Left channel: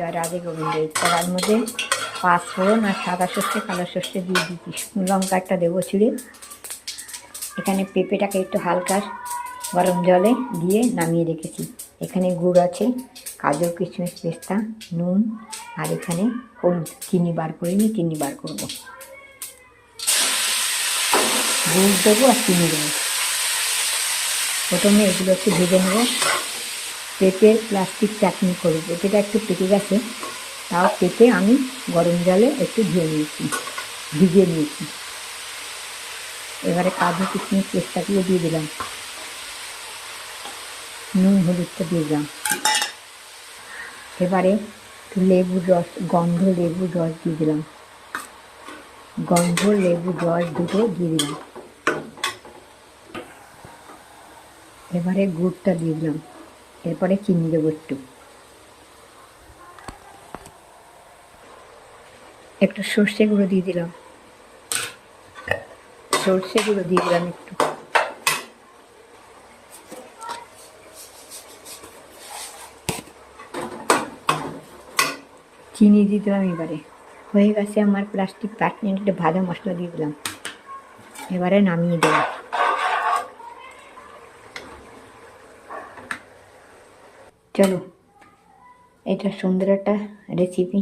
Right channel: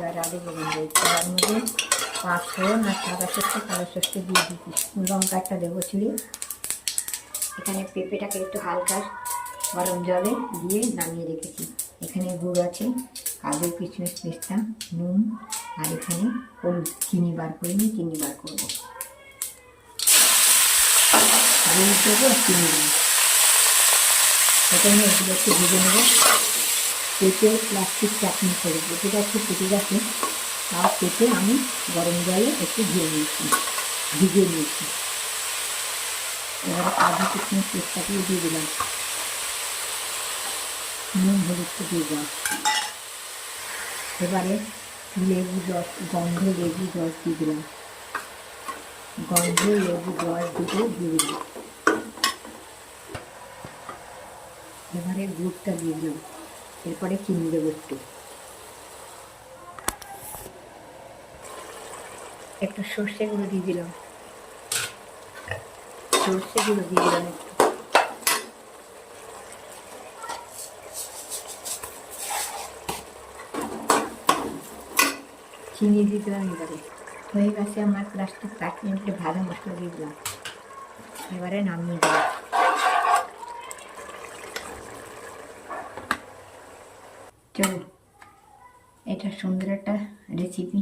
জয় রাধে গোবিন্দ। এই কড়ার মধ্যে 5 ফোড়ন আর সাদা সর্ষে কালো সর্ষে দিয়ে দিচ্ছি, শুকনো লঙ্কা একটা দেবো ছিঁড়ে। এখানে পেঁপেটাকে একটু হালকা গরম জলে দিয়ে নামিয়ে রেখেছি। এখানে গুড় আছে, কাজু কিশমিশ পেস্তা, নুন, আর এখানে হলুদ। চিনি বার করিনি, চিনি বার করবো। গুড় দেবো আর চিনি দেবো। প্রথমে এগুলো একটু ভেজে নেব। পেঁপের প্লাস্টিক চাটনি করবো। পেঁপেটা একটু পেকে গেছে, তাও পেঁপে আমি গরম জলে একটু ভিজিয়ে নিয়েছি। এবারে কাজু কিশমিশ পেস্তাগুলো দিয়ে দিলাম, নুন হলুদটা দিয়ে দিলাম। এবারে লেবু রস, গন্ধ লেবু রস দিয়ে দিলাম, গন্ধ লেবু রস দুটো দিয়ে দিলাম। এবারে গুড়টা দিয়ে দিলাম, এরপরে চিনি দেবো একটু সর্ষে গুঁড়ো দিয়ে দিলাম, সর্ষে গুঁড়ো দিয়ে দিলাম একটু। চিনি দিয়ে দিলাম। এবারে হয়ে গেছে আমার প্লাস্টিক চাটনি। ভাজা মশলা দিয়ে দিলাম, এবারে নামিয়ে দিলাম। চলো, এটা সুন্দর একটা রেসিপি,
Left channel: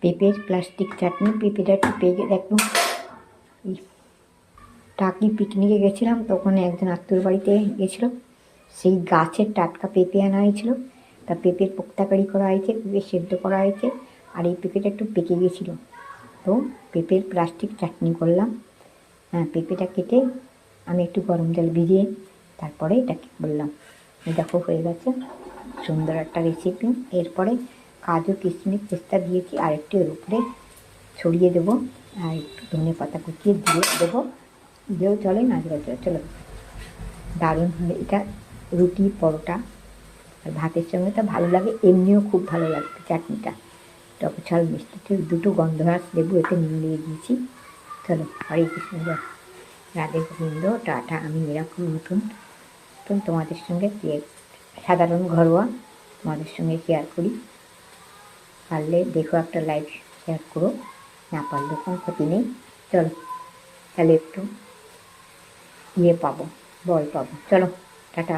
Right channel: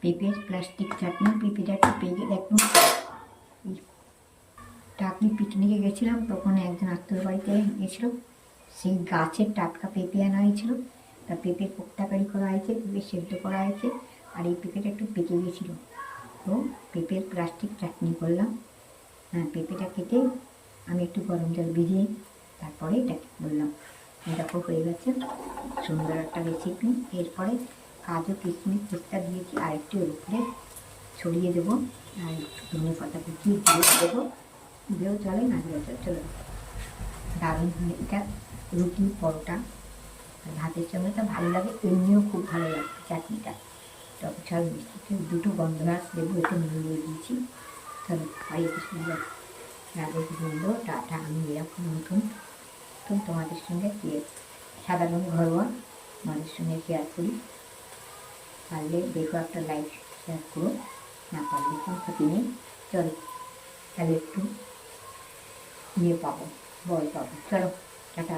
পেঁপের প্লাস্টিক চাটনি। পেঁপেটা একটু পেকে দেখুন। টাকি পিকনিকে গেছিলাম, তো ওখানে একজন আত্মীয়র বাড়িতে গেছিলো, সেই গাছের টাটকা পেঁপে আনা হয়েছিল। তা পেঁপের পোক্তাকারি করা হয়েছে, পেঁপে সেদ্ধ করা হয়েছে, আর এই পেঁপেটা একটু পেকে গেছিলো, তো পেঁপের প্লাস্টিক চাটনি করলাম। হ্যাঁ, পেঁপেটা কেটে আমি একটু গরম জল ভিজিয়ে তারপরে এটাকে বললাম। এই দেখো হয়ে গেছে সুন্দর একটা রেসিপি। এরপরে কাজু কিশমিশ পেস্তা দিয়েছি, আর একটু এর উপরে ছড়িয়ে দেবো, আর একটু ধনে পাতা কুচিয়ে দিয়ে দেবো। দিয়েও চলে, না দিলেও চলে। চলো, দারুণ হয় এটা। রুটি, পরোটা আর ভাতের সঙ্গে তো ভালো লাগে, এমনিও খুব ভালো লাগবে চাটনিটা। টক ঝাল মিষ্টি দুটো গন্ধরাজ লেবু এতে মিলিয়ে দিয়েছি। চলো, হরে কৃষ্ণ, রাধে গোবিন্দ, টাটা। আমি এরকম নতুন তোমাদের সঙ্গে সাধারণ ঘরোয়া তোমাদের সঙ্গে শেয়ার করি। পারলে দেখো, একটা লাইক শেয়ার করো, না পারলে কোনো ক্ষতি নেই। চলো, তাহলে একটু পাবো, বল পাবো। চলো, টাটা।